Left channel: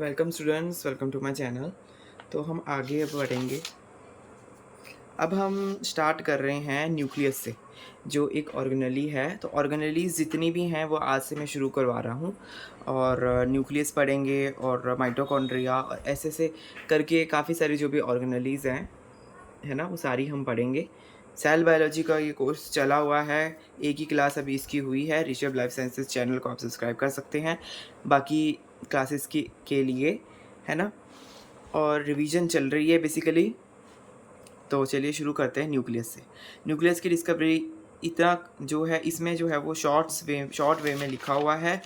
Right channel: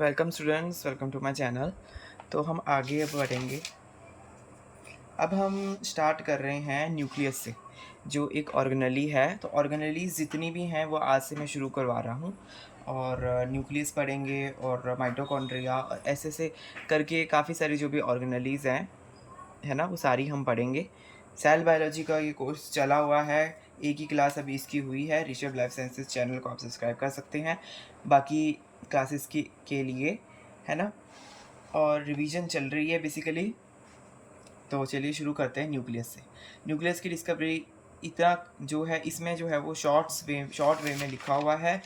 Welcome students, welcome to my channel. तो हम आगे अब बढ़ेंगे। अब हम स्टार्ट कर रहे हैं न्यूक्लियस से, जो एक ऑर्गेनेली है। तो ऑर्गेनेलीज जितनी भी हैं वो आज से मैं शुरू करवा रहा हूँ। और न्यूक्लियस पढ़ेंगे और माइटोकॉन्ड्रिया और ऐसे करके काफ़ी सारी जो भी ऑर्गेनेलीज हैं, है ना, वो सारी हम पढ़ेंगे। सेल बायोलॉजी का ये कोर्स चला हुआ है, एक ही क्लास अभी इसकी हुई है। ऋषभ लाइफ साइंसेज चैनल को आप सब्सक्राइब कर सकते हैं बाकी क्लासेस के लिए, है ना। और रिवीजन चल रही है बेसिकली। तो चलिए शुरू करते हैं न्यूक्लियस से। न्यूक्लियस की डिस्कवरी इतना जो है, इसमें जो है वो शॉर्ट वे में लिखा हुआ है,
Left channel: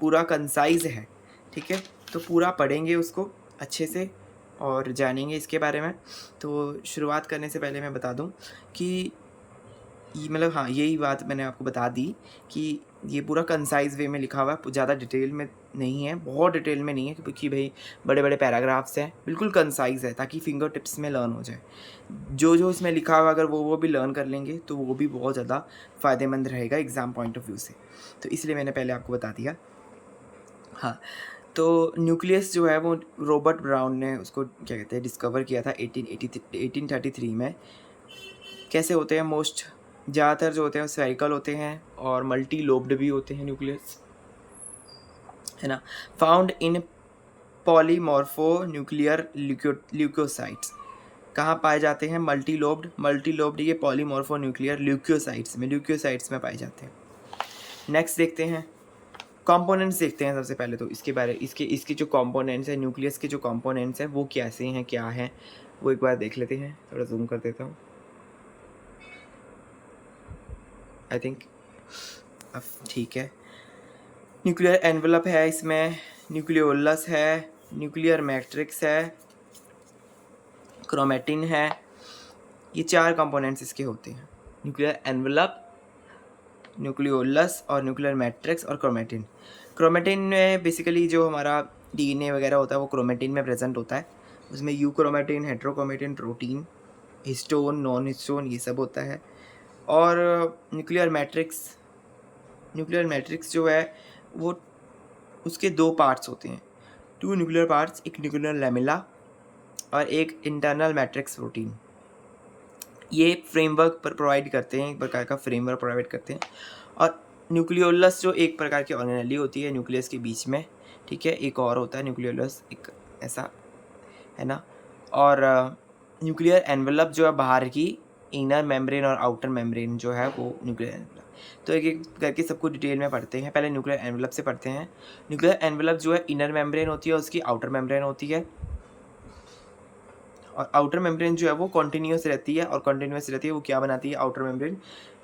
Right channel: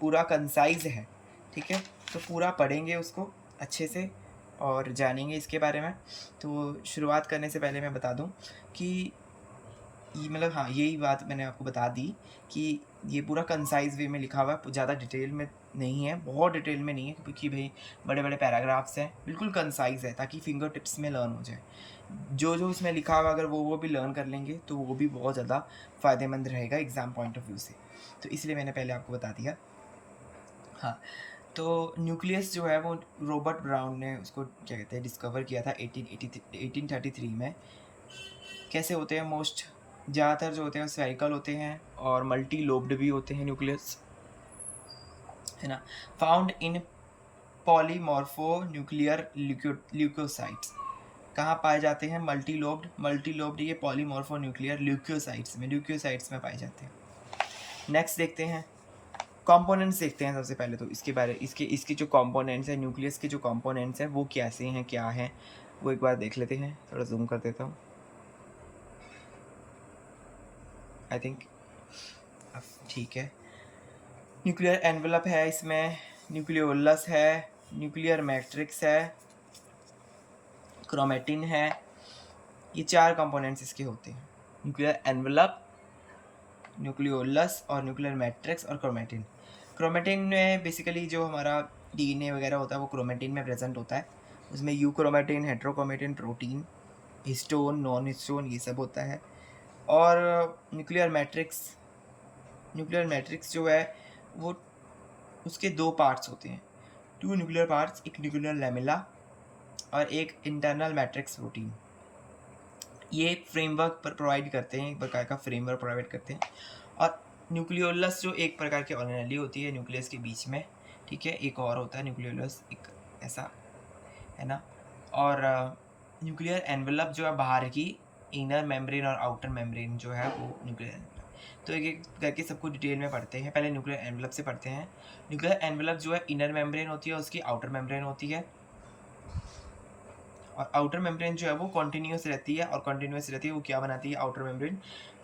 पूरा कंसाइज है, ठीक है। तो पूरा पढ़ेंगे उसको अच्छे से और जानेंगे इसके बारे में। तो शुरुआत करने से पहले मैं बता दूं कि मतलब हाँ, यही बात मैंने आपको बता दी कि ये पूरा कंसाइज वे में लिखा हुआ है, ज़्यादा डिटेल में नहीं है, बहुत डिटेल में नहीं है, क्योंकि भाई बड़े बड़े पैराग्राफ्स हैं। बिल्कुल कंसाइज है ताकि फिंगर टिप्स में लर्न हो जाए। जो जो इसमें लिखा हुआ अगर वो भी लर्न कर लेंगे तो वो भी बहुत ज़्यादा फ़ायदेमंद रहेगा एग्ज़ाम पॉइंट ऑफ व्यू से। तो इसलिए मैंने पहले आपको बता दिया। हाँ, तो न्यूक्लियस जो है वो रॉबर्ट ब्राउन ने उसको क्या कहते हैं डिस्कवर किया था 1833 में। कैसे होते हैं मोस्ट ज़्यादातर जो होते हैं स्फेरिकल होते हैं और मल्टी लोब्ड भी होते हैं न्यूक्लियस, है ना। Found in polymorphonuclear leucocytes. कहाँ पाए जाते हैं? मल्टी लोब्ड ये पॉलीमॉर्फो न्यूक्लियर ल्यूकोसाइट्स में पाए जाते हैं। नेक्स्ट देखते हैं कंपोनेंट्स। देखते हैं सबसे पहले तो इसके जो कंपोनेंट्स हैं, न्यूक्लियस के जो कंपोनेंट्स हैं वो कैसे हैं, क्या हैं, वो एक बार देख लेते हैं। थोड़ा जूम कर देता हूँ। आई थिंक अब ठीक है। न्यूक्लियर एनवेलप है इसमें, न्यूक्लियोलस है, न्यूक्लियर मैट्रिक्स है, क्रोमेटिन है। ये 4 कंपोनेंट्स इसके होते हैं, न्यूक्लियर एनवेलप, न्यूक्लियोलस और न्यूक्लियर मैट्रिक्स और क्रोमेटिन। क्रोमेटिन में बेसिकली जो हमारा डीएनए वगैरह होता है वो क्रोमेटिन में प्रेजेंट होता है। उसमें you chromatin, heterochromatin, protein, histone, non histone, ये सब होता है। और न्यूक्लियर मैट्रिक्स जो है वो उसके 2 पार्ट्स होते हैं, 2 न्यूक्लियर पार्ट्स, एक न्यूक्लियर लैमेला और एक इंटरनल मैट्रिक्स प्रोटीन। ये फ्रेमवर्क पर प्रोवाइड करते हैं, एक प्रकार का फ्रेमवर्क प्रोवाइड करते हैं। और न्यूक्लियोलस जो एक प्रकार की ऑर्गेनेली होती है न्यूक्लियस के बीच में, ठीक है। एक और होता है न्यूक्लियोलस, एक ऐसा, है ना। और न्यूक्लियर एनवेलप जो है बाहर की, इनर मेम्ब्रेन और आउटर मेम्ब्रेन जो है वो न्यूक्लियर एनवेलप। तो एक एक करके सबको डिटेल में पढ़ते हैं। पहले न्यूक्लियर एनवेलप से पढ़ते हैं। न्यूक्लियर एनवेलप जो है इनर मेम्ब्रेन होती है, उसकी आउटर मेम्ब्रेन होती है। और आउटर मेम्ब्रेन जो है वो कॉन्टिन्यूस रहती है, और कॉन्टिन्यूस रहती है वो क्या बनाती है? आउटर मेम्ब्रेन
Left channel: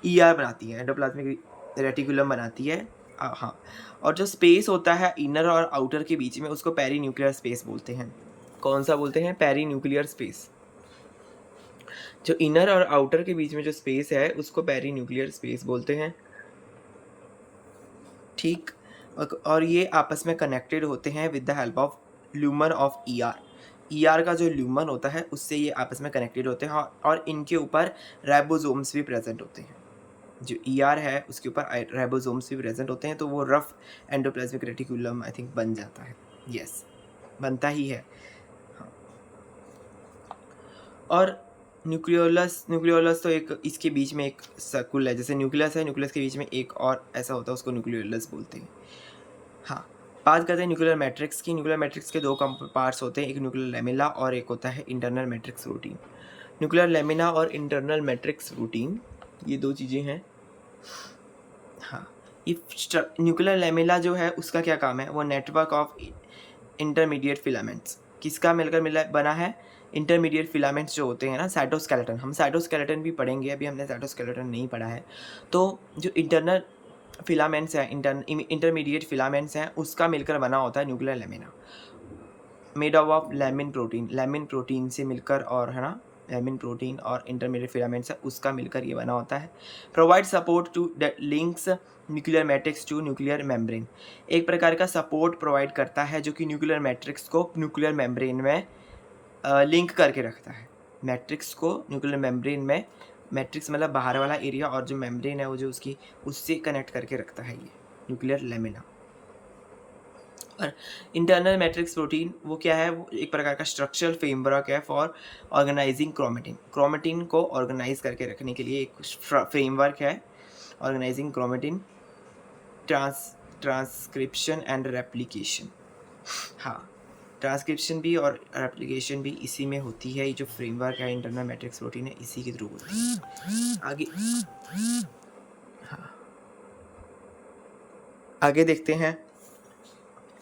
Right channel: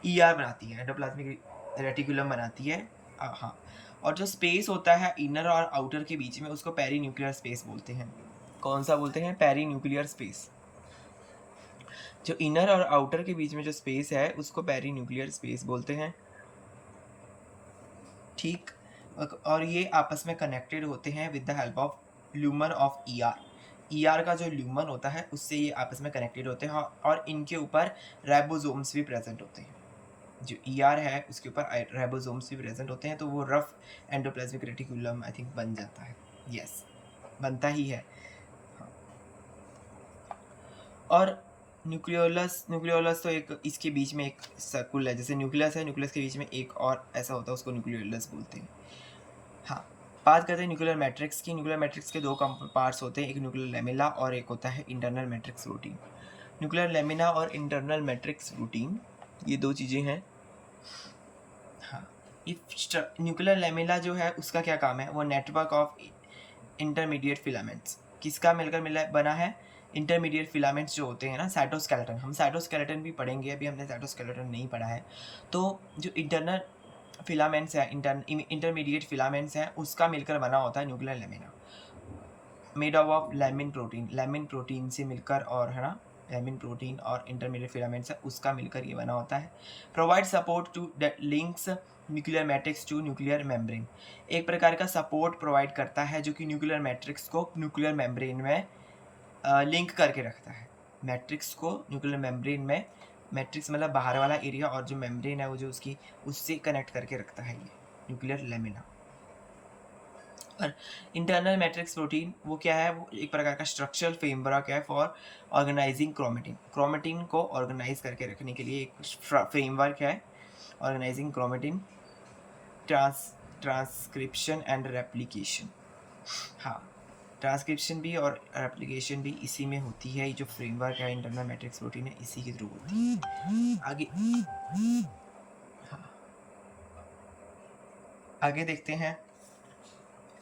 ईआर बनाती है, एंडोप्लाज्मिक रेटिकुलम बनाती है। हाँ, और जो स्पेस होता है इनर और आउटर के बीच में उसको पेरी न्यूक्लियर स्पेस बोलते हैं। कौन सा बोलते हैं? Perinuclear space. जो इनर और आउटर के बीच में जो स्पेस है उसको पेरी न्यूक्लियर स्पेस बोलते हैं, ठीक। और ये आपस में कनेक्टेड होते हैं with the help of lumen of ER. ER का जो ल्यूमन होता है उससे ये आपस में कनेक्टेड होते हैं, और इनके ऊपर राइबोसोम्स भी प्रेजेंट होते हैं। जो ईआर है उसके ऊपर राइबोसोम्स भी प्रेजेंट होते हैं, तो वो rough endoplasmic reticulum I think बन जाता है। यस, बनता ही है। हाँ, और न्यूक्लियोलस तो एक इसके बीच में एक सर्कुल है, जैसे न्यूक्लियस है, न्यूक्लियस के बीच में एक और ऐसा होता है, उसको न्यूक्लियोलस बोलते हैं। हाँ, बात करते हैं न्यूक्लियर मैट्रिक्स की। न्यूक्लियर मैट्रिक्स के 2 पार्ट्स होते हैं, एक न्यूक्लियर लेमिना और एक होता है internal matrix routine. Nuclear lamina और इंटरनल मैट्रिक्स रूटीन, ये 2 चीज़ें हैं। हाँ, ये न्यूक्लियर लेमिना जो है उसका क्या काम है? वो नेटवर्क ऑफ इंटरमीडिएट फिलामेंट्स किसका मिलकर मिला बना है? इंटरमीडिएट फिलामेंट्स जो होते हैं ना, साइटोस्केलेटन। हम साइटोस्केलेटन भी पढ़ेंगे, अभी हमने साइटोस्केलेटन नहीं पढ़ा है। तो जो इंटरनल फिलामेंट्स हैं, इंटरमीडिएट फिलामेंट्स हैं, उसका मिलकर बना होता है nuclear lamina, made up of lamin protein से मिलकर, और है ना, लेमिन प्रोटीन और इंटरमीडिएट फिलामेंट्स है उसका मिलकर ये बना होता है। Provide support to links nuclear matrix to nuclear membrane. एक प्रकार का सपोर्ट प्रोवाइड करता है जो कि न्यूक्लियर मैट्रिक्स को न्यूक्लियर मेम्ब्रेन में लिंक करके रखता है। मैट्रिक्स को न्यूक्लियर मेम्ब्रेन में, मैट्रिक्स मतलब बाहर वाला एरिया, और जो मेम्ब्रेन है वो जो उसकी उससे कनेक्ट करके रखता है ये न्यूक्लियर लेमिना। और इंटरनल मैट्रिक्स प्रोटीन वो क्या है, वो एक प्रकार का स्ट्रक्चरल फ्रेमवर्क है फॉर ऑर्गेनाइजिंग क्रोमेटिन। क्रोमेटिन को ऑर्गेनाइज करके रखने के लिए एक फ्रेमवर्क है, organising chromatin, transcription and replication. हाँ, ट्रांसक्रिप्शन भी और रेप्लिकेशन भी इसी में होती है। ये जो फ्रेमवर्क है इंटरनल मैट्रिक्स प्रोटीन है, इसी के थ्रू होती है। आगे, हाँ, आगे देखते हैं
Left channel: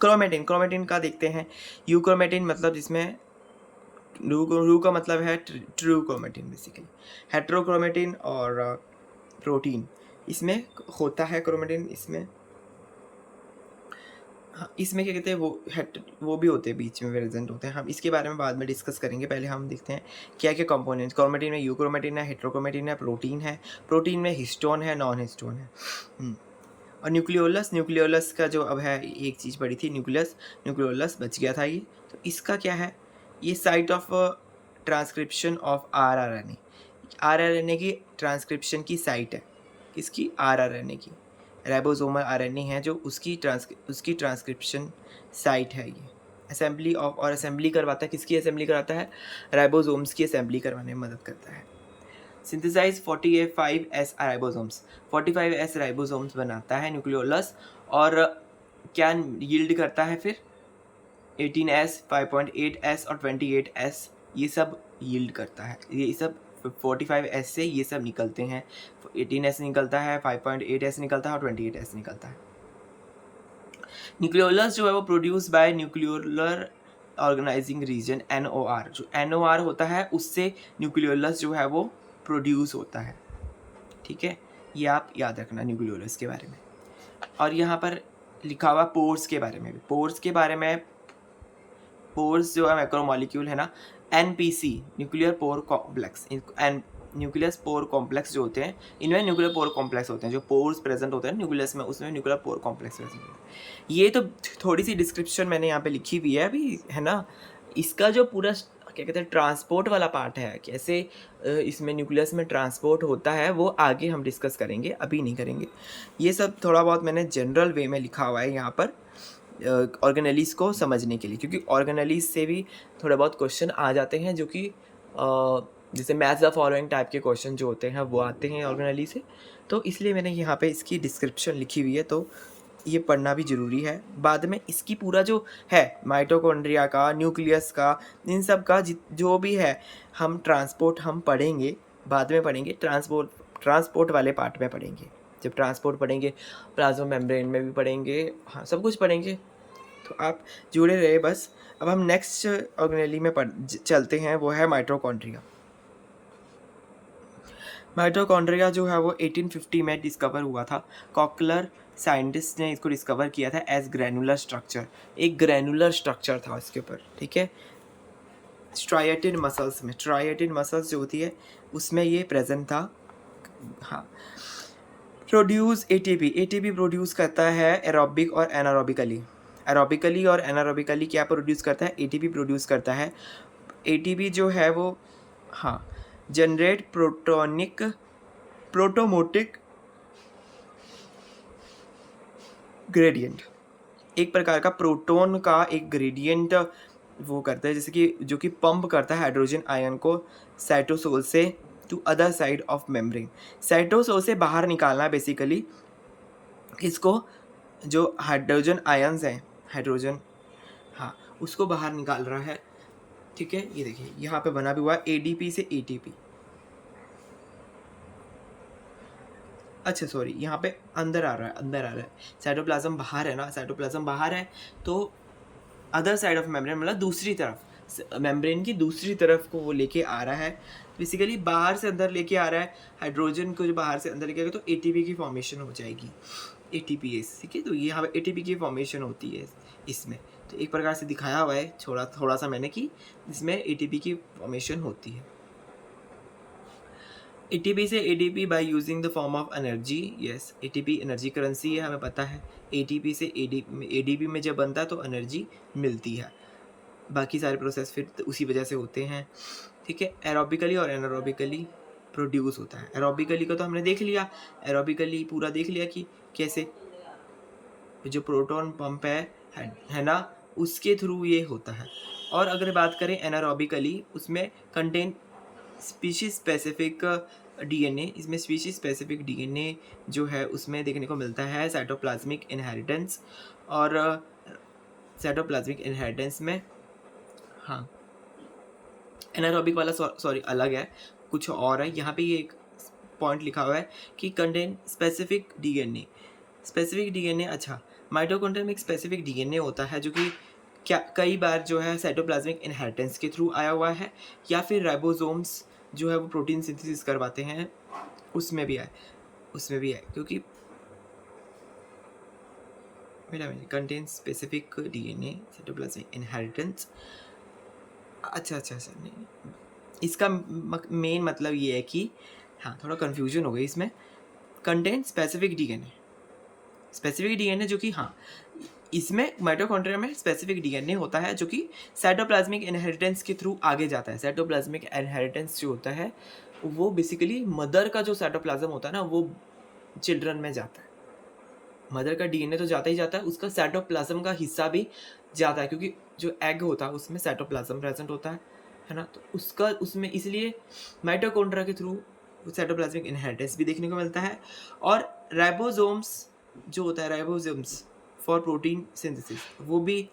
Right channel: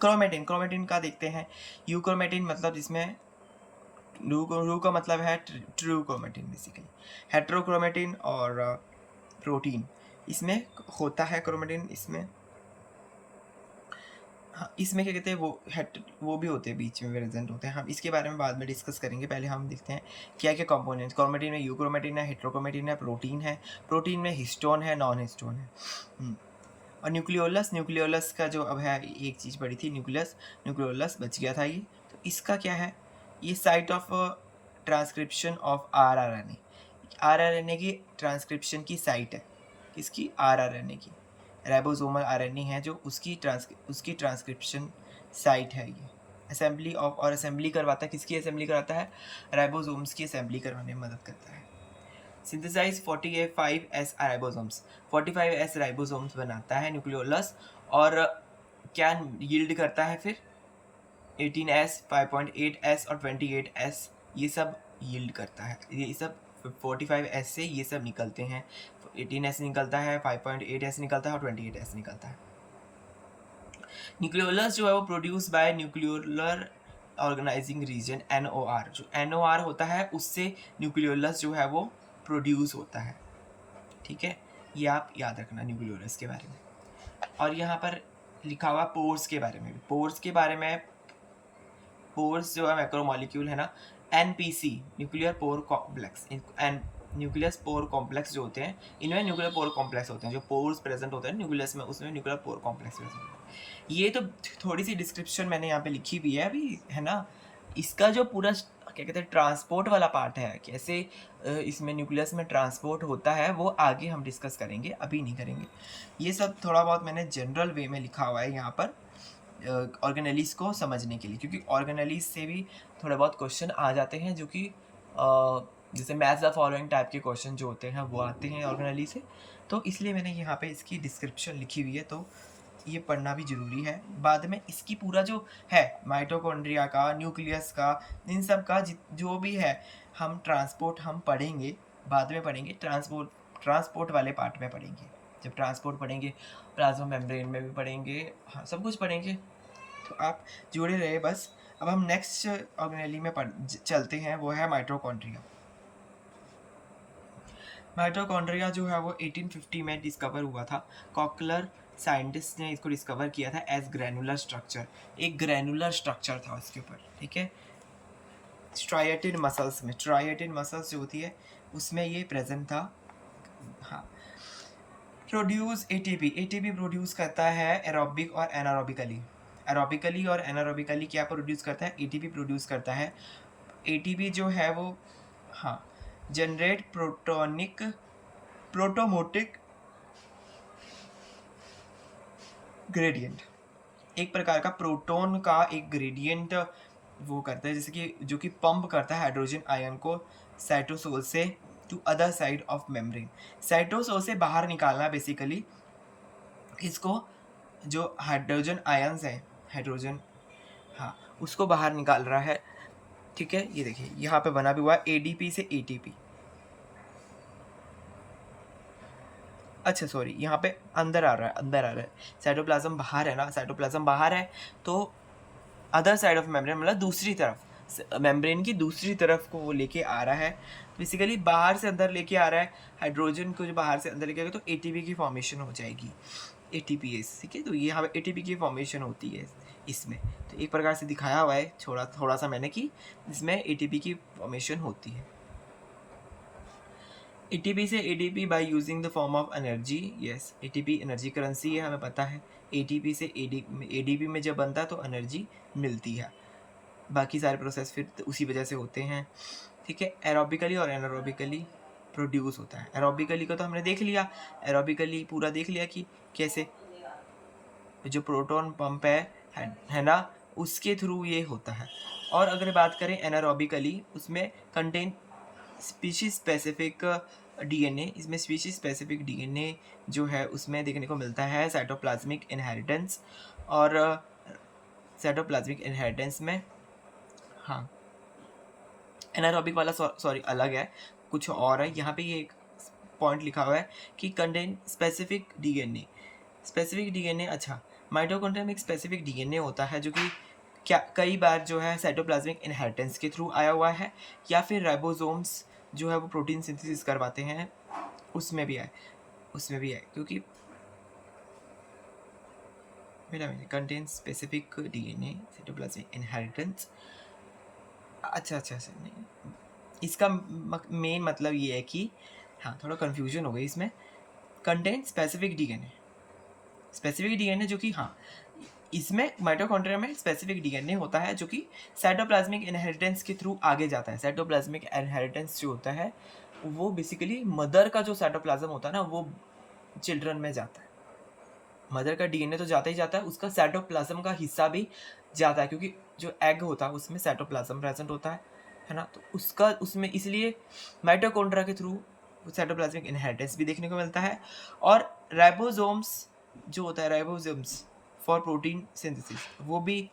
क्रोमेटिन। क्रोमेटिन का देखते हैं, यूक्रोमेटिन मतलब जिसमें रू का मतलब है ट्रू क्रोमेटिन बेसिकली। हेट्रोक्रोमेटिन और प्रोटीन इसमें होता है क्रोमेटिन इसमें। हाँ, इसमें क्या कहते हैं, वो भी होते हैं बीच में प्रेजेंट होते हैं। हम इसके बारे में बाद में डिस्कस करेंगे। पहले हम देखते हैं क्या क्या कंपोनेंट्स क्रोमेटिन में। यूक्रोमेटिन है, हेट्रोक्रोमेटिन है, प्रोटीन है। प्रोटीन में हिस्टोन है, नॉन हिस्टोन है। और न्यूक्लियोलस, न्यूक्लियोलस का जो अब है, एक चीज़ पड़ी थी न्यूक्लियस, न्यूक्लियोलस बच गया था ये। तो इसका क्या है, ये site of transcription of rRNA. RRNA की ट्रांसक्रिप्शन की साइट है, किसकी, आरआरएनए की। राइबोसोमल आरएनए है जो उसकी ट्रांसक्रिप्शन साइट है ये। असेंबली ऑफ, और असेंबली करवाता है, किसकी असेंबली कराता है, राइबोसोम्स की असेंबली करवाने में मदद करता है। Synthesise 45S ribosomes, 45S ribosomes बनाता है न्यूक्लियोलस। और क्या यील्ड करता है फिर, 18S, 5.8S और 28S, ये सब यील्ड करता है। ये सब 45S से ये सब निकलते हैं। 18S निकलता है, 5.8S निकलता है और 28S निकलता है। न्यूक्लियोलस जो है वो produce by nucleolar organising region, NOR। जो NOR होता है उससे न्यूक्लियोलस जो है वो प्रोड्यूस होता है। ठीक है, ये आप याद रखना न्यूक्लियोलस के बारे में। और यहाँ पर लिखा हुआ पोर्स के बारे में भी। पोर्स के बारे में, पोर्स जो है मैक्रोमोलिक्यूल है ना, NPC, nuclear pore complex. Nucleus pore complex जो होते हैं, इनमें न्यूक्लियर पोर कॉम्प्लेक्स होते हैं। जो पोर्स प्रेजेंट होते हैं न्यूक्लियस में, उसमें न्यूक्लियर पोर कॉम्प्लेक्स प्रेजेंट होते हैं। ये तो थोड़ी सी डिस्क्रिप्शन मैंने यहाँ पे लिखी हुई है अभी, है ना। इसका जो पूरा क्या कहते हैं ट्रांसपोर्ट वाला पार्ट है, कैसे इसमें न्यूक्लियस में ट्रांसपोर्ट होता है, वो आगे हम डिस्कस करेंगे, अभी नहीं करेंगे। ये सब थोड़ा बहुत मैंने जनरल वे में लिखा हुआ है यहाँ पर ऑर्गेनेलीज को समझने के लिए, क्योंकि ऑर्गेनेलीज से भी थोड़े बहुत क्वेश्चन आ जाते हैं, जो कि जैसे मैच द फॉलोइंग टाइप के क्वेश्चन जो होते हैं वो आते हैं ऑर्गेनेली से। तो इसलिए मैंने यहाँ पे इसकी डिस्क्रिप्शन लिखी हुई है, तो ये पढ़ना भी ज़रूरी है। बाद में इसकी पूरा जो है माइटोकॉन्ड्रिया का, न्यूक्लियस का, इन सब का जो भी है, हम ट्रांसपोर्ट हम पढ़ेंगे, बाद में पढ़ेंगे। ट्रांसपोर्ट वाले पार्ट में पढ़ेंगे। जब ट्रांसपोर्ट पढ़ेंगे, प्लाज्मा मेम्ब्रेन में भी पढ़ेंगे, हाँ सब कुछ पढ़ेंगे। तो आप जुड़े रहे बस। अब हम नेक्स्ट ऑर्गेनेली में चलते हैं, वो है माइटोकॉन्ड्रिया। माइटोकॉन्ड्रिया जो है वो 1850 में डिस्कवर हुआ था। कॉकलर साइंटिस्ट ने इसको डिस्कवर किया था एज ग्रैनुलर स्ट्रक्चर। एक ग्रैनुलर स्ट्रक्चर था इसके ऊपर, ठीक है। स्ट्राइएटेड मसल्स में, स्ट्राइएटेड मसल्स जो होती है उसमें ये प्रेजेंट था। हाँ, प्रोड्यूस एटीपी प्रोड्यूस करता है एरोबिक और एनारोबिकली। एरोबिकली और एनारोबिकली क्या प्रोड्यूस करता है, एटीपी प्रोड्यूस करता है। एटीपी जो है वो, हाँ, जनरेट प्रोटोमोटिक ग्रेडियंट, एक प्रकार का प्रोटोन का एक ग्रेडियंट वो करता है, जैसे कि जो कि पंप करता है हाइड्रोजन आयन को साइटोसोल से to other side of membrane. Cytosol से बाहर निकालना बेसिकली इसको, जो हाइड्रोजन आयन्स हैं, हाइड्रोजन, हाँ, उसको बाहर निकाल रहा है। ठीक है, ये देखिए यहाँ पे बना भी हुआ है एडीपी से एटीपी। अच्छा सॉरी, यहाँ पे अंदर आ रहा है, अंदर आ रहा है। साइटोप्लाज्म बाहर है ना, साइटोप्लाज्म बाहर है, तो अदर साइड ऑफ मेम्ब्रेन मतलब दूसरी तरफ, मेम्ब्रेन की दूसरी तरफ को वो लेके आ रहा है। बेसिकली बाहर से अंदर लेके आ रहा है हाइड्रोजन को, जो बाहर से अंदर लेके आएगा तो एटीपी की फॉर्मेशन हो जाएगी, एटीपीएस। ठीक है, तो ये यहाँ पे एटीपी की फॉर्मेशन होती है इसमें। तो एक प्रकार से दिखाया हुआ है थोड़ा सा मैंने कि इसमें एटीपी की फॉर्मेशन होती है। एटीपी से ADP by using the form of energy. Yes, ATP energy currency है, हमें पता है। एटीपी से एडीपी में जब बनता है तो एनर्जी मिलती है। बाकी सारे प्रोसेस फिर उसी वजह से होते हैं। ठीक है, एरोबिकली और एनारोबिकली प्रोड्यूस होता है। एरोबिकली का तो हमने देख लिया, एरोबिकली पूरा देख लिया कि कैसे जो प्रोटॉन पंप है है ना, उसके थ्रू ये होता है। और अगर बात करें एनारोबिकली, उसमें कंटेन स्पीशीज स्पेसिफिक डीएनए, इसमें स्पीशीज स्पेसिफिक डीएनए जो है उसमें देखने को मिलता है साइटोप्लाज्मिक इनहेरिटेंस। और साइटोप्लाज्मिक इनहेरिटेंस में, हाँ, एनारोबिक वाला सॉरी अलग है, कुछ और है। यहाँ पे ये एक पॉइंट लिखा हुआ है कि contain specific DNA, specific DNA. अच्छा, माइटोकॉन्ड्रिया में एक स्पेसिफिक डीएनए होता है जो कि क्या कई बार जो है साइटोप्लाज्मिक इनहेरिटेंस के थ्रू आया हुआ है, या फिर राइबोसोम्स जो है वो प्रोटीन सिंथेसिस करवाते हैं, उसमें भी है क्योंकि मेरा contain specific DNA cytoplasmic inheritance. अच्छा नहीं, इसका मेन मतलब ये है कि हाँ, थोड़ा कन्फ्यूजन हो गई इसमें। कंटेन स्पेसिफिक डीएनए जो कि हाँ, इसमें माइटोकॉन्ड्रिया में स्पेसिफिक डीएनए होता है जो कि साइटोप्लाज्मिक इनहेरिटेंस के थ्रू आगे जाता है। साइटोप्लाज्मिक इनहेरिटेंस जो होता है वो बेसिकली मदर का जो साइटोप्लाज्म होता है ना, वो चिल्ड्रन में जाता है। मदर का डीएनए तो जाता ही जाता है, उसका साइटोप्लाज्म का हिस्सा भी जाता है, क्योंकि जो एग होता है उसमें साइटोप्लाज्म प्रेजेंट होता है ना, तो उसका उसमें इसलिए माइटोकॉन्ड्रिया के थ्रू साइटोप्लाज्मिक इनहेरिटेंस भी देखने को मिलता है। और राइबोसोम्स जो होता है, राइबोसोम्स फॉर प्रोटीन सिंथेसिस, वो भी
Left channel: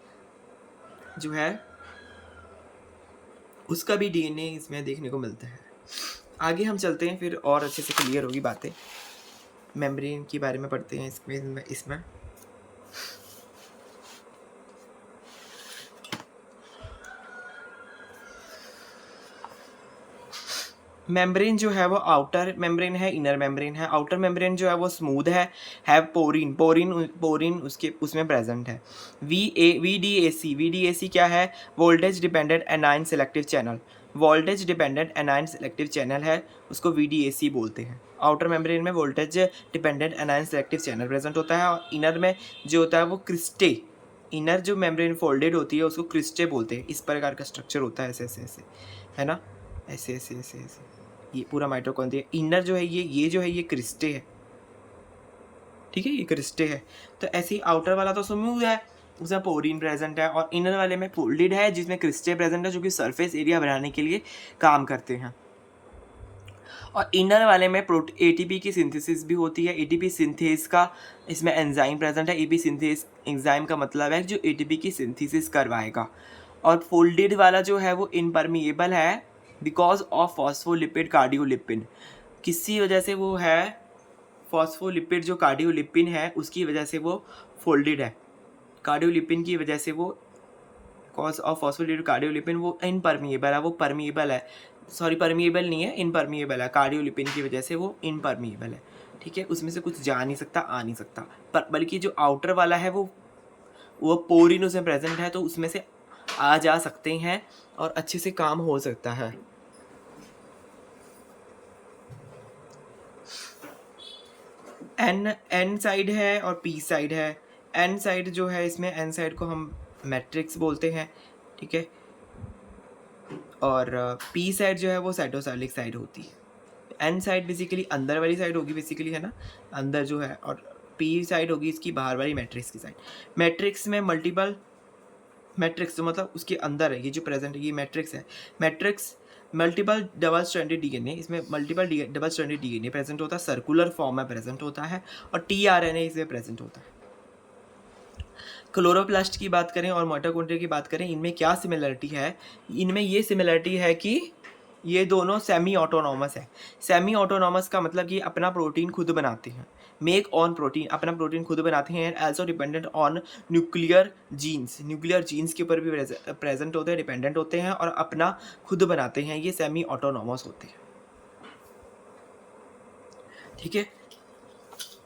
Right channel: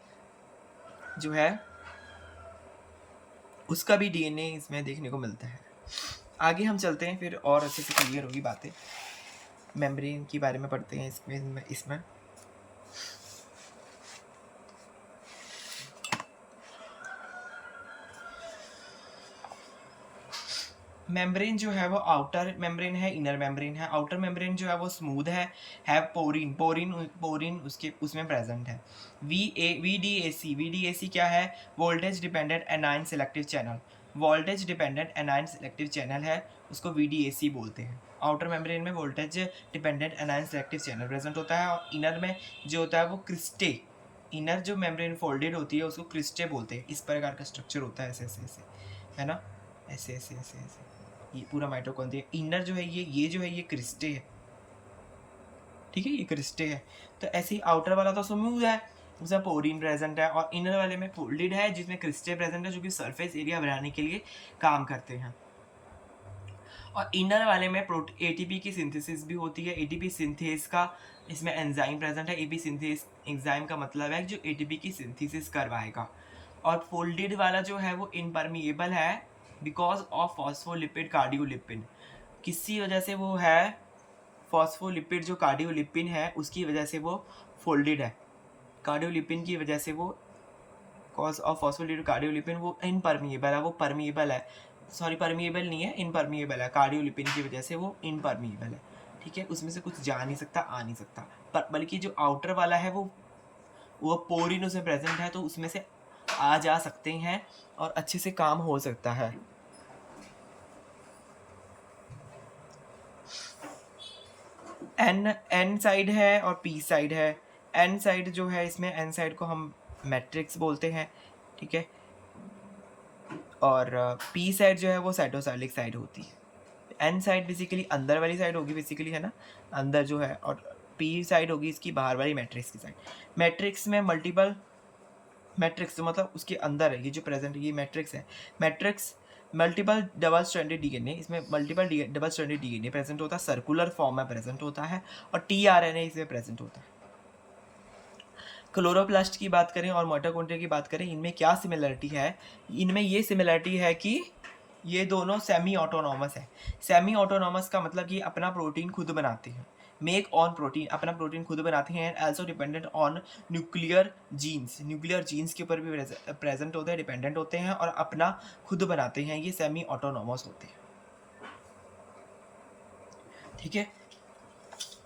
जो है उसका भी डीएनए इसमें देखने को मिलता है। आगे हम चलते हैं, फिर और अच्छे से क्लियर होगी बातें। मेम्ब्रेन के बारे में पढ़ते हैं इसमें मेम्ब्रेन जो है वो आउटर मेम्ब्रेन है, इनर मेम्ब्रेन है। आउटर मेम्ब्रेन जो है वो स्मूथ है पोरिन उसके उसमें प्रेजेंट है। वी डी ए सी क्या है? Voltage dependent A9 selective channel. Voltage dependent A9 selective channel है, उसको वीडीएसी बोलते हैं। आउटर मेम्ब्रेन में voltage dependent A9 selective channel present होता है, और इनर में जो होता है वो क्रिस्टे, इनर जो मेम्ब्रेन फोल्डेड होती है उसको क्रिस्टे बोलते हैं। इस प्रकार का स्ट्रक्चर होता है, ऐसे है ना, ऐसे। ये पूरा माइटोकॉन्ड्रिया इनर जो है ये जो है ये क्रिस्टे है, ठीक है, ये क्रिस्टे है। तो ऐसे ही आउटर वाला तो स्मूथ है, उसमें पोरिन प्रेजेंट है, और इनर वाले में फोल्डेड है जिसमें क्रिस्टे प्रेजेंट है, जो कि सरफेस एरिया बनाने के लिए काम करते हैं। और इनर वाले में एटीपी की सिंथेसिस भी होती है। एटीपी सिंथेस का इसमें एंजाइम प्रेजेंट है। एपी सिंथेस एंजाइम का मतलब है जो एटीपी की सिंथेसिस करवाएगा। और फोल्डेड वाला जो है वो इनपरमिएबल है बिकॉज ऑफ फॉस्फोलिपिड कार्डियोलिपिन। किसी वजह से वो है, फॉस्फोलिपिड जो कार्डियोलिपिन है उसकी वजह से वो फोल्डेड है। कार्डियोलिपिन की वजह से वो, कॉज ऑफ फॉस्फोलिपिड कार्डियोलिपिन, वो इनपरमिएबल है, वो परमिएबल है, सॉरी परमिएबल नहीं है, इनपरमिएबल है। कार्डियोलिपिन की वजह से वो इनपरमिएबल है, ठीक है, उसमें से कुछ जा नहीं सकता, आ नहीं सकता। पर बल्कि जो आउटर वाला है वो पोरिन उसमें प्रेजेंट है, तो उसमें से आ जा सकते हैं और अच्छे से काम हो सकता है। एन साइड है और पी साइड है। एन साइड जो है, इसमें एन साइड को हम मैट्रिक्स बोलते हैं, ठीक है, और पी साइड जो है वो साइटोसाइलिक साइड होती है। एन साइड बेसिकली अंदर वाली साइड होगी बेसिकली, है ना, अंदर जो है, और पी साइड होगी इसकी बाहर वाली मैट्रिक्स की साइड। मैट्रिक्स में मल्टीपल, मैट्रिक्स तो मतलब उसके अंदर है, ये जो प्रेजेंट है ये मैट्रिक्स है। Matrix multiple double stranded DNA, इसमें multiple double stranded DNA present होता है, सर्कुलर फॉर्म में प्रेजेंट होता है, और टीआरएनए इसमें प्रेजेंट होता है। क्लोरोप्लास्ट की बात करें और माइटोकॉन्ड्रिया की बात करें, इनमें क्या सिमिलरिटी है? इनमें ये सिमिलरिटी है कि ये दोनों सेमी ऑटोनॉमस है। सेमी ऑटोनॉमस का मतलब कि अपना प्रोटीन खुद बनाते हैं, मेक ऑन प्रोटीन, अपना प्रोटीन खुद बनाते हैं। Also dependent on nuclear genes के ऊपर भी प्रेजेंट होते हैं, डिपेंडेंट होते हैं, और अपना खुद बनाते हैं। ये सेमी ऑटोनॉमस होते हैं, ठीक है।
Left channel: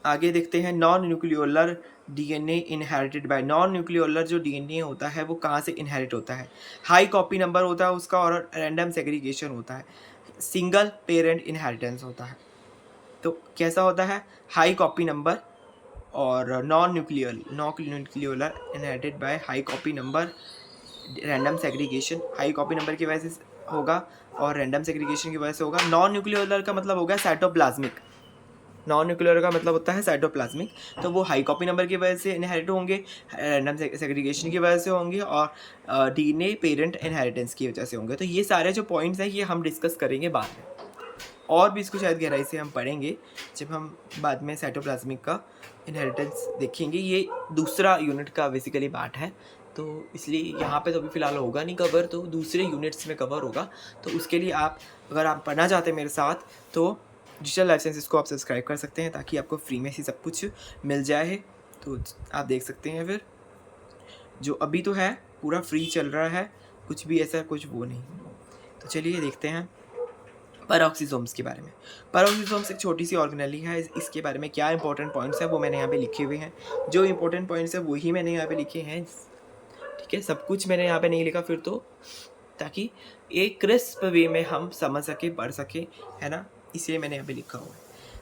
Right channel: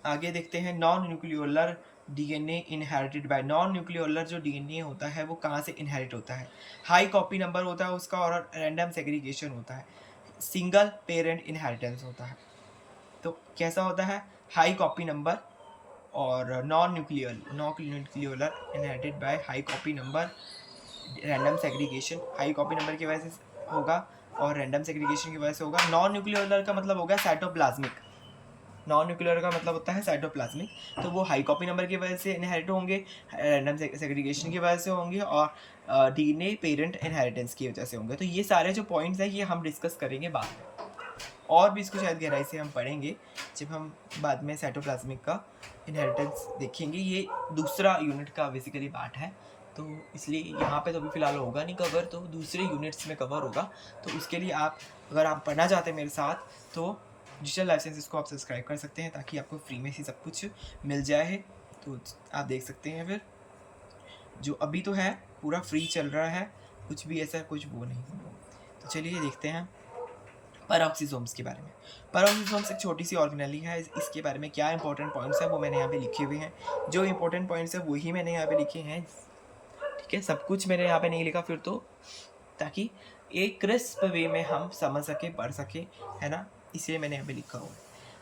आगे देखते हैं non nucleolar DNA inherited by. Non nucleolar जो डीएनए होता है वो कहाँ से इनहेरिट होता है? हाई कॉपी नंबर होता है उसका, और रैंडम सेग्रीगेशन होता है, सिंगल पेरेंट इनहेरिटेंस होता है। तो कैसा होता है? हाई कॉपी नंबर और non nucleolar inherited by high copy number, random segregation high copy number की वजह से होगा और रैंडम सेग्रीगेशन की वजह से होगा। नॉन न्यूक्लियोलर का मतलब होगा साइटोप्लाज्मिक, नॉन न्यूक्लियर का मतलब होता है साइटोप्लाज्मिक, तो वो हाई कॉपी नंबर की वजह से इनहेरिट होंगे, रैंडम सेग्रीगेशन की वजह से होंगे, और डीएनए पेरेंट इनहेरिटेंस की वजह से होंगे। तो ये सारे जो पॉइंट्स हैं ये हम डिस्कस करेंगे बाद में, और भी इसको शायद गहराई से हम पढ़ेंगे जब हम बाद में साइटोप्लाज्मिक का इनहेरिटेंस देखेंगे। ये दूसरा यूनिट का बेसिकली पार्ट है, तो इसलिए यहाँ पे तो अभी फ़िलहाल होगा नहीं कवर, तो दूसरे यूनिट्स में कवर होगा। तो उसके लिए आप, अगर आप पढ़ना चाहते हैं मेरे साथ, तो डिजिटल लाइफ साइंसेस को आप सब्सक्राइब कर सकते हैं, ताकि आपको फ्री में ही सब कुछ मिल जाए। तो आप देख सकते हैं, फिर जो अभी तो है पूरा फ्री चल रहा है, कुछ भी ऐसा कुछ वो नहीं। तो चलिए देखते हैं पैरोक्सिसोम्स के बारे में। पैरोक्सिसोम्स एक छोटी सी ऑर्गेनेली है। इसके बारे में क्या इंपॉर्टेंट पॉइंट्स हैं वो मैंने यहाँ पे लिखे हुए हैं। जो इंपॉर्टेंट पॉइंट्स हैं वही मैंने यहाँ पे लिखे हैं, ठीक है। सब कुछ मैंने यहाँ पे नहीं लिखा फिर तो, ताकि एक क्रिस्प वे में हम समझ सके, पढ़ सके, है ना, इसलिए मैंने यहाँ पे लिखा हुआ है।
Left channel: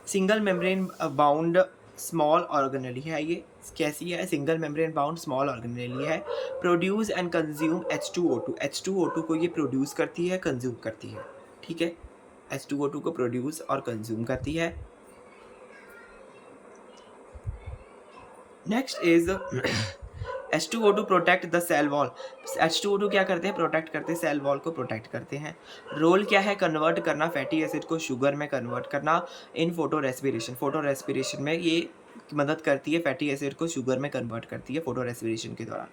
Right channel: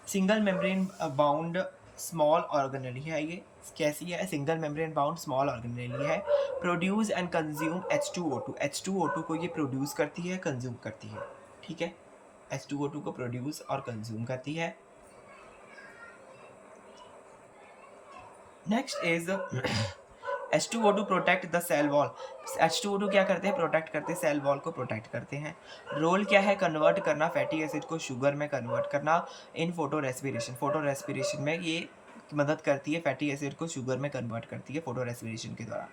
Single membrane bound small organelle है ये। कैसी है? Single membrane bound small organelle है। Produce and consume H2O2। H2O2 को ये प्रोड्यूस करती है, कंज्यूम करती है, ठीक है। H2O2 को प्रोड्यूस और कंज्यूम करती है। Next is H2O2 protect the cell wall. H2O2 क्या करते हैं? प्रोटेक्ट करते हैं, सेल वॉल को प्रोटेक्ट करते हैं। रोल क्या है? कन्वर्ट करना, फैटी एसिड को शुगर में कन्वर्ट करना in photorespiration. Photorespiration में ये मदद करती है, फैटी एसिड को शुगर में कन्वर्ट करती है फोटो रेस्पिरेशन के दौरान।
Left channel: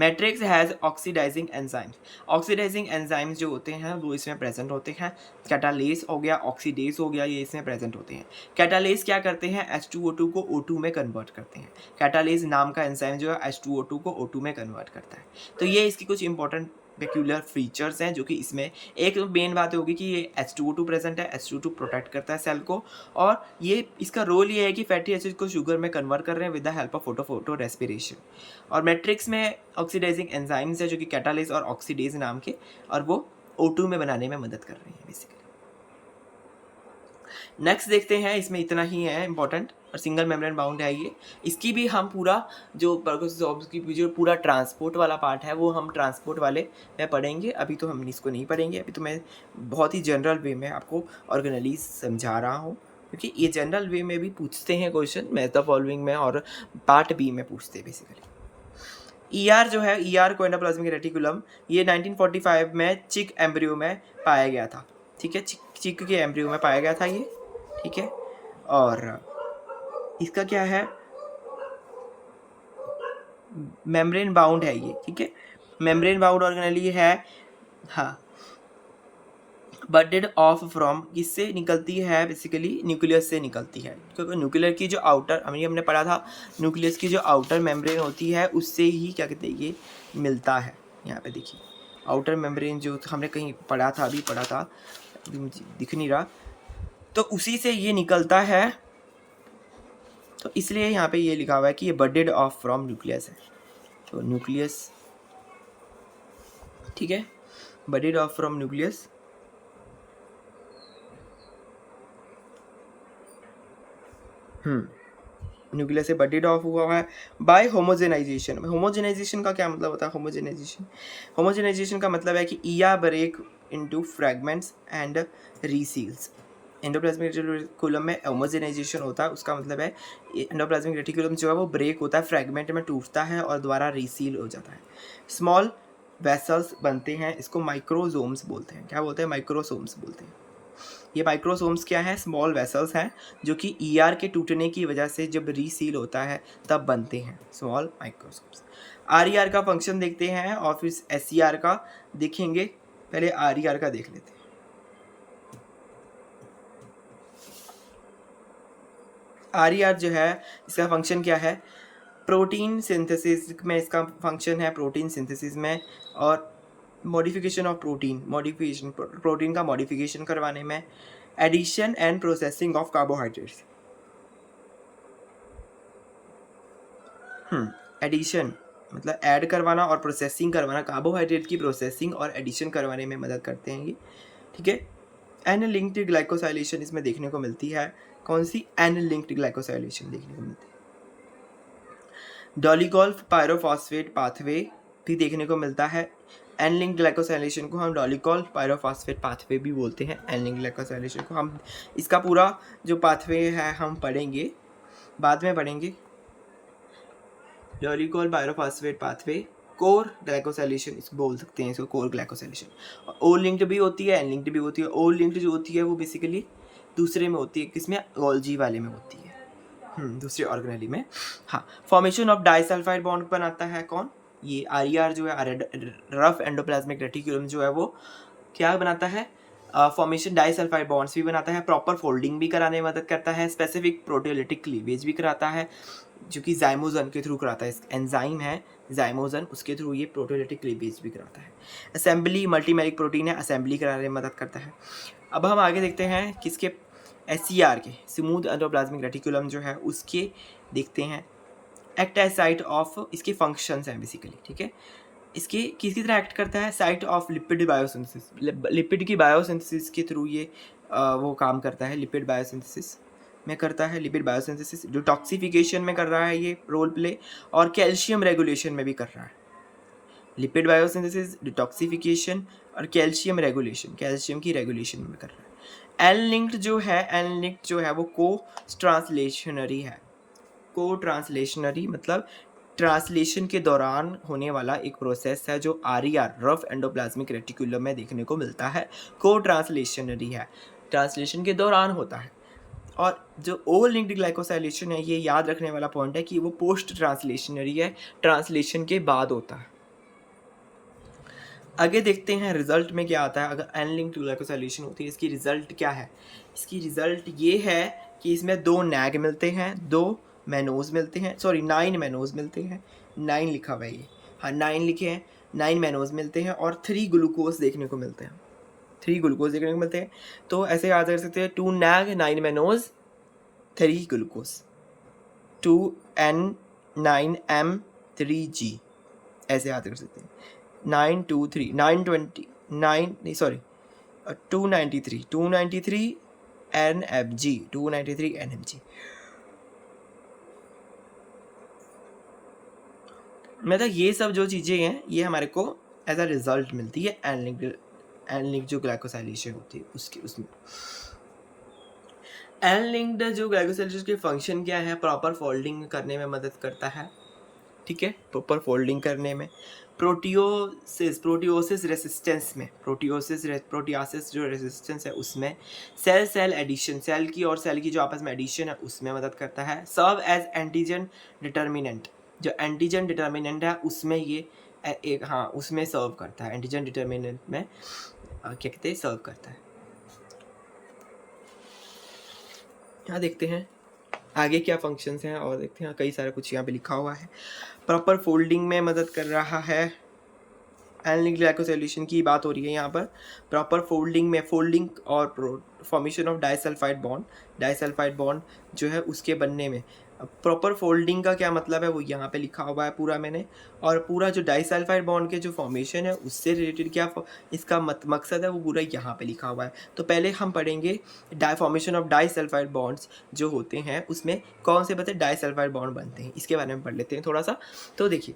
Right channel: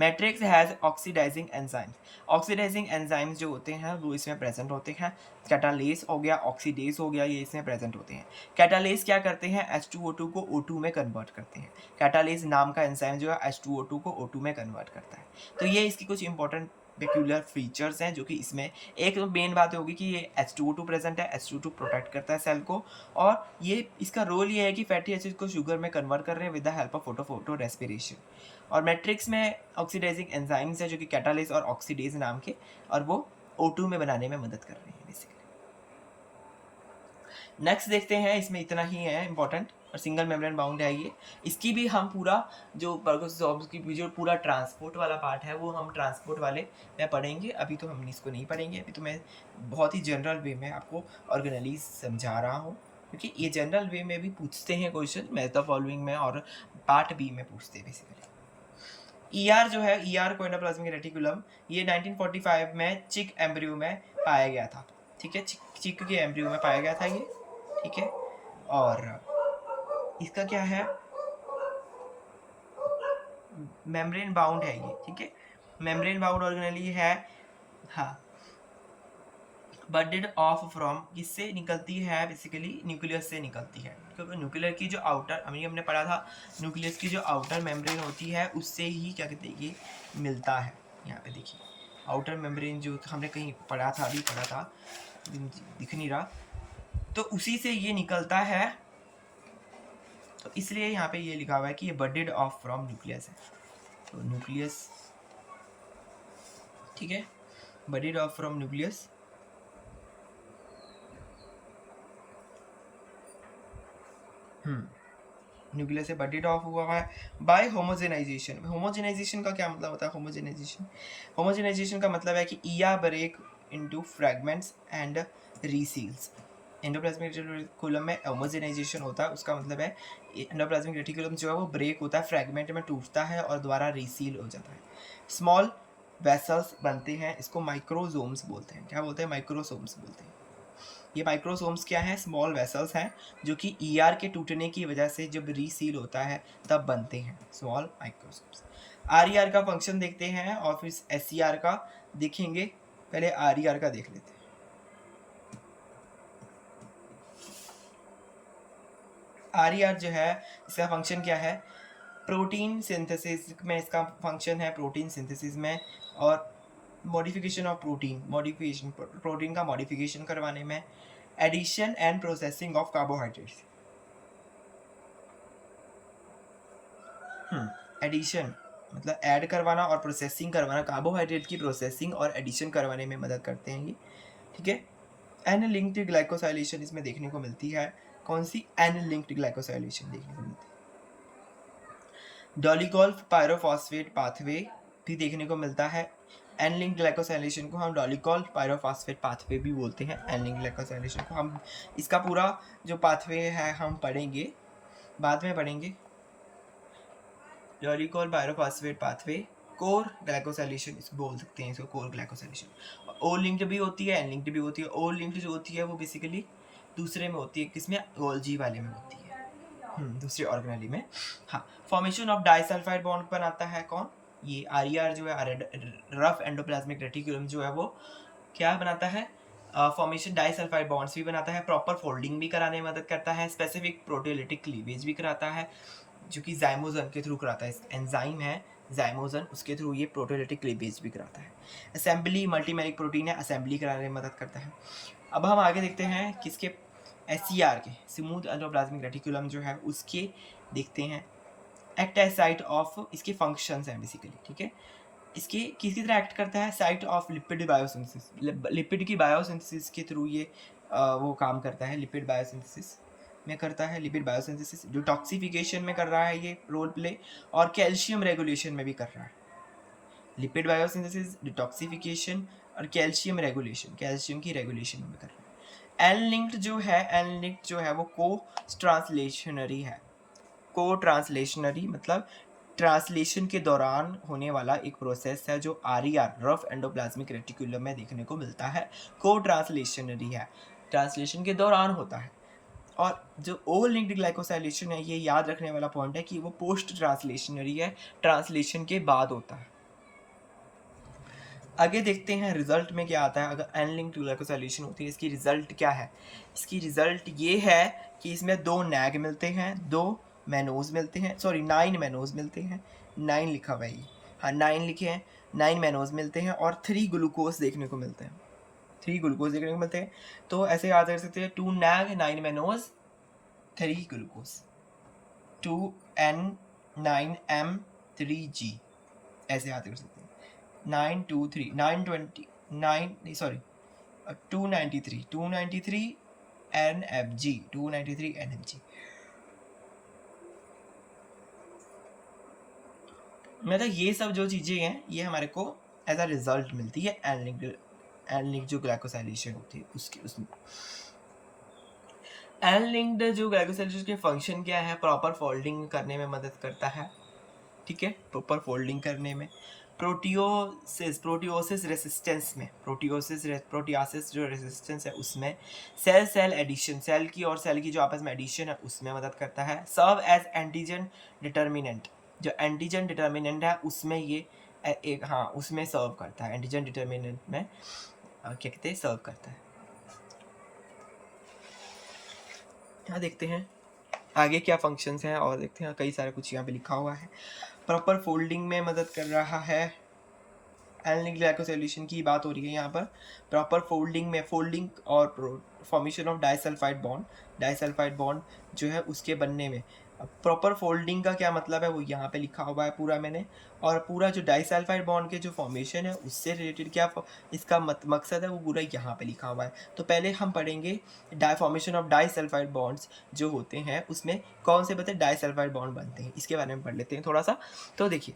Matrix has oxidising enzymes. Oxidising enzymes जो होते हैं वो इसमें प्रेजेंट होते हैं। कैटालेस हो गया, ऑक्सीडेज हो गया, ये इसमें प्रेजेंट होते हैं। कैटालेस क्या करते हैं? H2O2 को O2 में कन्वर्ट करते हैं। कैटालेस नाम का एंजाइम जो है H2O2 को O2 में कन्वर्ट करता है। तो ये इसकी कुछ इंपॉर्टेंट पेक्यूलर फीचर्स हैं जो कि इसमें एक मेन बात होगी कि ये H2O2 प्रेजेंट है। H2O2 प्रोटेक्ट करता है सेल को, और ये इसका रोल ये है कि फैटी एसिड को शुगर में कन्वर्ट कर रहे हैं with the help of photo respiration. और मैट्रिक्स में ऑक्सीडाइजिंग एंजाइम्स है जो कि कैटालेस और ऑक्सीडेज नाम के, और वो O2 में बनाने में मदद कर रहे हैं बेसिकली। नेक्स्ट देखते हैं, इसमें इतना ही है इंपॉर्टेंट, और सिंगल मेम्ब्रेन बाउंड है ये। इसकी भी हम पूरा जो पैरोक्सिसोम्स की जो पूरा ट्रांसपोर्ट वाला पार्ट है वो हम ट्रांसपोर्ट वाले में पढ़ेंगे। अभी तो हम इसको नहीं पढ़ेंगे, अभी तो मैं बहुत ही जनरल वे में आपको ऑर्गेनेलीज समझा रहा हूँ, क्योंकि ये जनरल वे में भी पूछते हैं क्वेश्चन, मैथ द फॉलोइंग में और पार्ट बी में पूछते हैं बेसिकली। ER जो है, ER को एंडोप्लाज्मिक रेटिकुलम, ये 1945 में चिक एम्ब्रियो में पाया गया था, ठीक है। चिक के एम्ब्रियो में पाया गया था ये, ठीक है। और इसका क्या है? मेम्ब्रेन बाउंड है ये, ठीक है। मेम्ब्रेन बाउंड ऑर्गेनेली है, हाँ। बडेड ऑफ फ्रॉम, किससे निकलती है? बेसिकली न्यूक्लियस से निकलती है, क्योंकि न्यूक्लियर की जो आउटर, हमने पढ़ा था, न्यूक्लियस की जो आउटर मेम्ब्रेन होती है उससे ही क्या कहते हैं ये मिलता है। यहाँ पे देखिए आउटर मेम्ब्रेन जो हमने कहीं पढ़ा था, अभी पढ़ा था, दिख नहीं रहा, तो उसी से ये निकलता है। तो इसलिए यहाँ पे ये लिखा हुआ है कि ये बडेड ऑफ फ्रॉम न्यूक्लियस है। तो न्यूक्लियस, ठीक है, budded of from nucleus. Nucleus से बडेड ऑफ हुआ है बाय होमोजेनाइजेशन। होमोजेनाइजेशन का क्या मतलब होता है? होमोजेनाइजेशन का मतलब है कि ER break into fragments and reseals. Endoplasmic reticulum में होमोजेनाइजेशन होता है, उसका मतलब है एंडोप्लाज्मिक रेटिकुलम जो है वो ब्रेक होता है, फ्रैगमेंट में टूटता है और दोबारा रीसील हो जाता है। स्मॉल वेसल्स बनते हैं, इसको माइक्रोसोम्स बोलते हैं। क्या बोलते हैं? माइक्रोसोम्स बोलते हैं। ये माइक्रोसोम्स क्या है? स्मॉल वेसल्स हैं जो कि ER के टूटने की वजह से जब रीसील होता है तब बनते हैं स्मॉल माइक्रोसोम्स। RER का फंक्शन देखते हैं और फिर SER का देखेंगे। पहले RER का देख लेते हैं। RER जो है इसका फंक्शन क्या है? प्रोटीन सिंथेसिस में इसका फंक्शन है, प्रोटीन सिंथेसिस में, और मॉडिफिकेशन ऑफ प्रोटीन का मॉडिफिकेशन करवाने में, addition and processing of carbohydrates. Addition मतलब ऐड करवाना और प्रोसेसिंग करवाना, कार्बोहाइड्रेट की प्रोसेसिंग और एडिशन करवाने में मदद करते हैं ये, ठीक है। एन लिंक्ड ग्लाइकोसाइलेशन इसमें देखने को मिलती है। कौन सी? एन लिंक्ड ग्लाइकोसाइलेशन देखने को मिलती है। डोलिगोल्फ पायरोफॉस्फेट पाथवे भी देखने को मिलता है। एन लिंक ग्लाइकोसाइलेशन को हम डॉलिकॉल पायरोफॉस्फेट पाथवे भी बोलते हैं। एन लिंक ग्लाइकोसाइलेशन को हम इसका पूरा जो पाथवे है हम पढ़ेंगे, बाद में पढ़ेंगे। डॉलिकॉल पायरोफॉस्फेट पाथवे कोर ग्लाइकोसाइलेशन इसको बोल सकते हैं, इसको कोर ग्लाइकोसाइलेशन। ओ लिंक्ड भी होती है, एन लिंक्ड भी होती है। ओ लिंक्ड जो होती है वो बेसिकली दूसरे में होती है, किसमें, गोल्जी वाले में होती है, दूसरे ऑर्गेनेली में। हाँ, फॉर्मेशन ऑफ डाइसल्फाइड बॉन्ड बनाता है कौन, ये आर जो है रफ एंडोप्लाज्मिक रेटिकुलम जो है वो क्या बनाता है, फॉर्मेशन डाइसल्फाइड बॉन्ड्स भी बनाता है, प्रॉपर फोल्डिंग भी कराने में मदद करता है, स्पेसिफिक प्रोटियोलिटिक क्लीवेज भी कराता है जो कि जाइमोजन के थ्रू कराता है। एंजाइम है जाइमोजन, उसके थ्रू ये प्रोटियोलिटिक क्लीवेज भी कराता है। असेंबली मल्टीमेरिक प्रोटीन है, असेंबली कराने में मदद करता है। अब हम आगे देखते हैं किसके, SCR के, स्मूथ एंडोप्लाज्मिक रेटिकुलम जो है उसके देखते हैं। एक्ट एज साइट ऑफ, इसके फंक्शंस हैं बेसिकली, ठीक है। इसके किसकी तरह एक्ट करता है, site of lipid biosynthesis, lipid की बायोसिंथेसिस के थ्रू ये वो काम करता है, लिपिड बायोसिंथेसिस में करता है, लिपिड बायोसिंथेसिस डिटॉक्सिफिकेशन में कर रहा है ये रोल प्ले, और कैल्शियम रेगुलेशन में भी कर रहा है। लिपिड बायोसिंथेसिस, डिटॉक्सिफिकेशन और कैल्शियम रेगुलेशन, कैल्शियम की रेगुलेशन में कर रहा है। एन लिंक्ड जो है वो को ट्रांसलेशनरी है। को ट्रांसलेशनरी मतलब ट्रांसलेशन के दौरान होने वाला एक प्रोसेस है जो RER रफ एंडोप्लाज्मिक रेटिकुलम में देखने को मिलता है। को ट्रांसलेशनरी है, ट्रांसलेशन के दौरान होता है। और जो ओ लिंक्ड ग्लाइकोसाइलेशन है, ये याद रखने वाला पॉइंट है कि वो पोस्ट ट्रांसलेशनरी है, ट्रांसलेशन के बाद होता है। आगे देखते हैं रिजल्ट में क्या आता है। अगर एन लिंक्ड ग्लाइकोसाइलेशन होती है, इसकी रिजल्ट क्या है, इसकी रिजल्ट ये है कि इसमें 2 नैग मिलते हैं, 2 मैनोज मिलते हैं, 9 मैनोज मिलते हैं, 9 लिखा हुआ है ये, हाँ 9 लिखे हैं, 9 मैनोज मिलते हैं और 3 ग्लूकोज देखने को मिलते हैं, 3 ग्लूकोज देखने को मिलते हैं। तो ऐसे याद कर सकते हैं 2 नैग 9 मैनोज 3 ग्लूकोज, 2N9M3G, ऐसे याद कर सकते हैं। 923 920 9 नहीं सॉरी 293 NFG, 293 NFG। मतलब ये सब जो चीज़ें हैं ये हमारे को एज अ रिजल्ट मिलती है एन लिंक्ड जो ग्लाइकोसाइलेशन होती है उसकी, उसमें एन लिंक्ड जो ग्लाइकोसाइलेशन के फंक्शन क्या है, प्रॉपर फोल्डिंग करने में मदद करता है, ठीक है, प्रॉपर फोल्डिंग करने में। प्रोटियोसिस रेसिस्टेंस में, प्रोटियासिस जो रेसिस्टेंस है उसमें, सेल एडिशन, सेल की और सेल की जो आपस में एडिशन है उसमें मदद करता है। सर्व एज एंटीजन डिटर्मिनेंट, जो एंटीजन डिटर्मिनेंट है उसमें ये एक, हाँ उसमें सर्व करता है, एंटीजन डिटर्मिनेंट में क्या कहते हैं, सर्व करता है। यहाँ देखते हैं आगे क्या फंक्शंस हैं और देखते हैं, कई सारा कुछ यहाँ पे लिखा हुआ है। प्रॉपर फोल्डिंग में मदद कर रहा है, एन लिंक्ड ग्लाइकोसाइलेशन की बात हो रही है यहाँ पर। प्रॉपर फोल्डिंग में, फोल्डिंग और फॉर्मेशन ऑफ डाइसल्फाइड बॉन्ड जो है उसके बनने में। प्रॉपर फोल्डिंग का क्या मतलब है वो यहाँ पे लिखा हुआ है पूरा मैंने, और पूरा जो डाइसल्फाइड बॉन्ड के जो फॉर्मेशन है उससे रिलेटेड क्या इसका मकसद है वो पूरा यहाँ पे लिखा हुआ है। तो पहले हम पढ़ेंगे फॉर्मेशन ऑफ डाइसल्फाइड बॉन्ड्स जो होते हैं उसमें कौन से बता डाइसल्फाइड बॉन्ड बनते हैं, इसके बारे में पढ़ लेते हैं थोड़ा सा। तो देखिए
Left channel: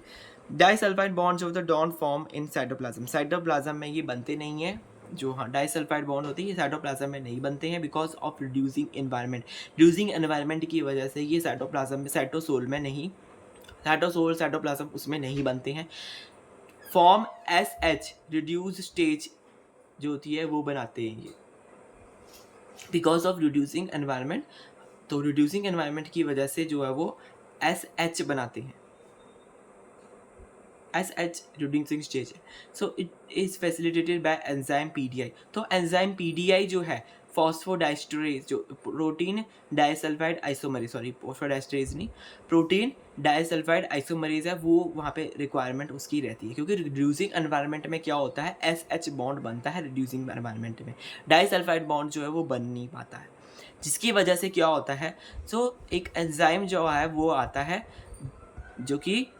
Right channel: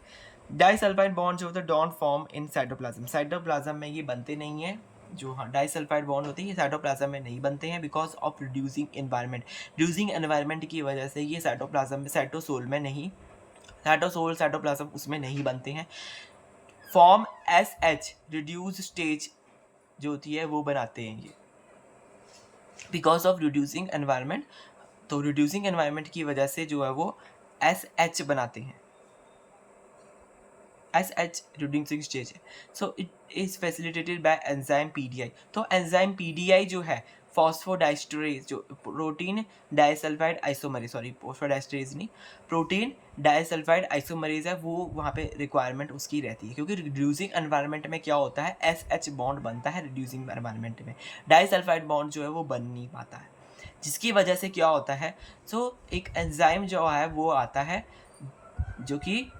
डाइसल्फाइड बॉन्ड जो होता है don't form in cytoplasm, cytoplasm में ये बनते नहीं है। जो हाँ डाइसल्फाइड बॉन्ड होती है ये साइटोप्लाज्म में नहीं बनते हैं बिकॉज ऑफ रिड्यूसिंग एनवायरनमेंट की वजह से ये साइटोप्लाज्म में, साइटोसोल में नहीं, साइटोप्लाज्म उसमें नहीं बनते हैं। फॉर्म SH रिड्यूस स्टेज जो होती है वो बनाते हैं ये बिकॉज ऑफ रिड्यूसिंग एनवायरनमेंट। तो रिड्यूसिंग एनवायरनमेंट की वजह से जो है वो SH बनाते हैं, SH reducing stage है। So it is facilitated by enzyme PDI। तो एंजाइम PDI जो है फॉस्फोडाइस्टरेज, जो प्रोटीन डाइसल्फाइड आइसोमरेज, सॉरी फॉस्फोडाइस्टरेज नहीं, प्रोटीन डाइसल्फाइड आइसोमरेज है, वो वहाँ पे रिक्वायरमेंट उसकी रहती है क्योंकि रिड्यूसिंग एनवायरनमेंट में क्या होता है SH बॉन्ड बनता है, रिड्यूसिंग एनवायरनमेंट में डाइसल्फाइड बॉन्ड जो है वो बन नहीं पाता है, जिसकी वजह से क्या होता है। सो एक एंजाइम जो है वो आता है जो कि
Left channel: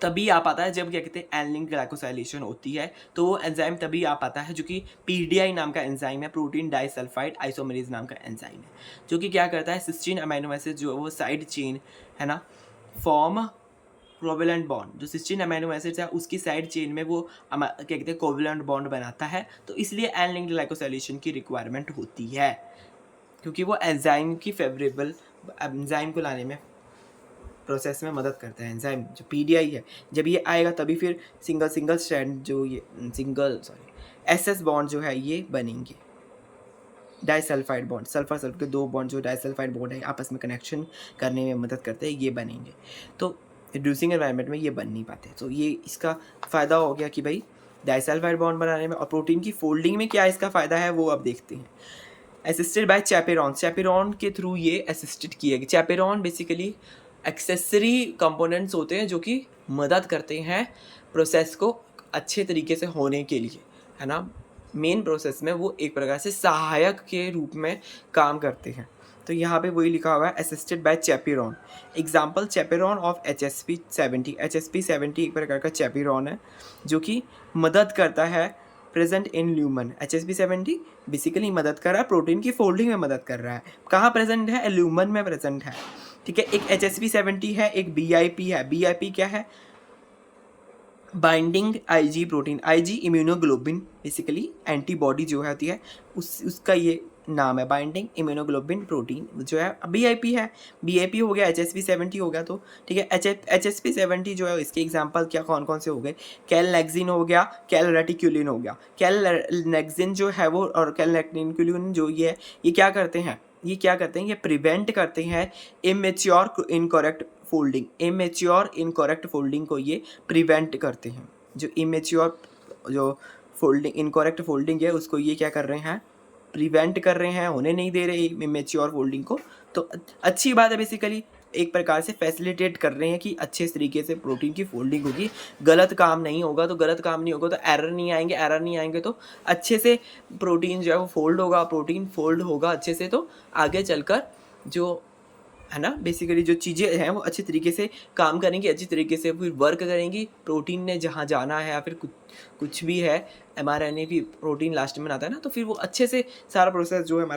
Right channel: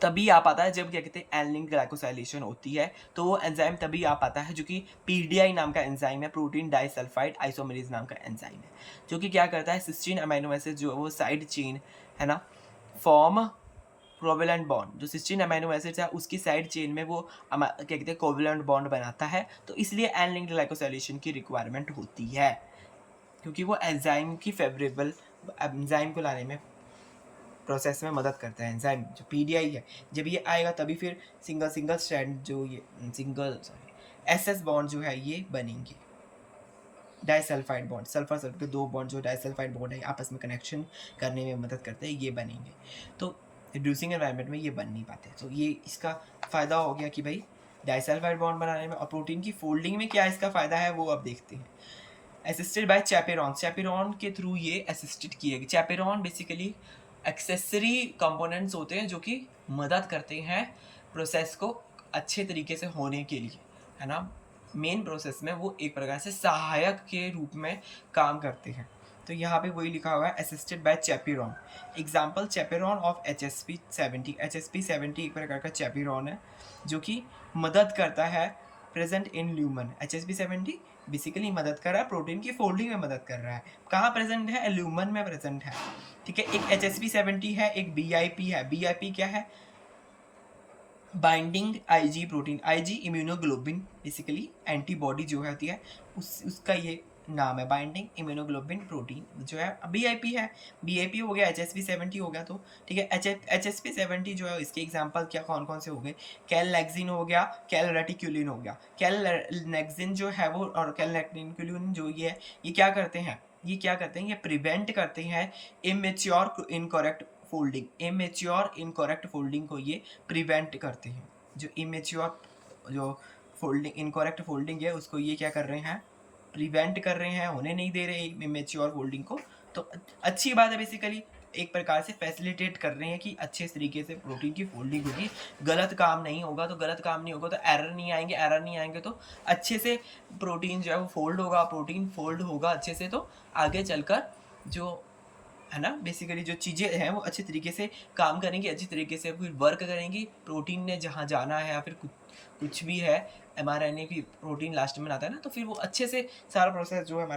तभी आ पाता है जब क्या कहते हैं एन लिंक्ड ग्लाइकोसाइलेशन होती है। तो वो एंजाइम तभी आ पाता है जो कि PDI नाम का एंजाइम है, प्रोटीन डाइसल्फाइड आइसोमरेज नाम का एंजाइम है, जो कि क्या करता है सिस्टीन अमीनो एसिड जो वो साइड चेन है ना फॉर्म कोवेलेंट बॉन्ड, जो सिस्टीन अमीनो एसिड्स है उसकी साइड चेन में वो क्या कहते हैं कोवेलेंट बॉन्ड बनाता है, तो इसलिए एन लिंक्ड ग्लाइकोसाइलेशन की रिक्वायरमेंट होती है, क्योंकि वो एंजाइम की फेवरेबल एंजाइम को लाने में प्रोसेस में मदद करता है। एंजाइम जो पीडीआई है, जब ये आएगा तभी फिर सिंगल स्ट्रैंड जो ये एसएस बॉन्ड जो है ये बनेंगे, डाइसल्फाइड बॉन्ड, सल्फर सल्फर के 2 बॉन्ड जो डाइसल्फाइड बॉन्ड है आपस में कनेक्शन करने में मदद करते हैं, ये बनेंगे। तो रिड्यूसिंग एनवायरनमेंट में ये बन नहीं पाते, तो ये इसका फ़ायदा हो गया कि भाई डाइसल्फाइड बॉन्ड बनाने में। और प्रोटीन की फोल्डिंग में क्या इसका फ़ायदा है वो अब देखते हैं। असिस्टेड बाय चैपेरॉन, चैपेरॉन के थ्रू ये असिस्टेड किए गए। चैपेरॉन बेसिकली एक्सेसरी कंपोनेंट्स होते हैं जो कि मदद करते हैं प्रोसेस को अच्छे तरीके से होने के लिए, है ना। मेन प्रोसेस में वो एक प्रकार से सहायक के रूप में काम करते हैं। तो यहाँ पे वही लिखा हुआ है assisted by chaperone. Example chaperone of HSP70। HSP70 एक प्रकार का चैपेरॉन है जो कि मदद करता है present in lumen. HSP70 basically मदद कर रहा है, प्रोटीन की फोल्डिंग में मदद कर रहा है। कहाँ प्रेजेंट है? ल्यूमन में प्रेजेंट है, ठीक है। एक HSP70 है, एक BIP है। BIP क्या है? Binding IG protein. IG immunoglobulin, basically antibody जो होती है उसका ये नाम है, बाइंडिंग इम्यूनोग्लोबिन प्रोटीन जो है BIP है। BIP हो गया, HSP70 हो गया, तो ठीक है। HSP70 जो है इसके एग्जांपल क्या कौन कौन से हो गए? कैलनेक्सिन हो गया, कैलरेटिक्यूलिन हो गया। कैलनेक्सिन जो है वो और कैलरेटिक्यूलिन जो ये क्या करते हैं? ये प्रिवेंट करते हैं immature incorrect folding. Immature incorrect folding को ये प्रिवेंट करते हैं। जो इमेच्योर जो फोल्डिंग इनकरेक्ट फोल्डिंग है उसको ये क्या कर रहे हैं? प्रिवेंट कर रहे हैं, होने नहीं दे रहे इमेच्योर फोल्डिंग को। तो अच्छी बात है, बेसिकली एक प्रकार से फैसिलिटेट कर रहे हैं कि अच्छे तरीके से प्रोटीन की फोल्डिंग होगी। गलत काम नहीं होगा तो एरर नहीं आएंगे तो अच्छे से प्रोटीन जो है वो फोल्ड होगा। प्रोटीन फोल्ड होगा अच्छे से तो आगे चलकर जो है ना बेसिकली जो चीज़ें हैं वो अच्छे तरीके से काम करेंगी, अच्छी तरीके से फिर वर्क करेंगी। प्रोटीन ने जहाँ जाना है या फिर कुछ भी है, mRNA भी प्रोटीन लास्ट में आता है ना, तो फिर वो अच्छे से सारा प्रोसेस जो है हमारा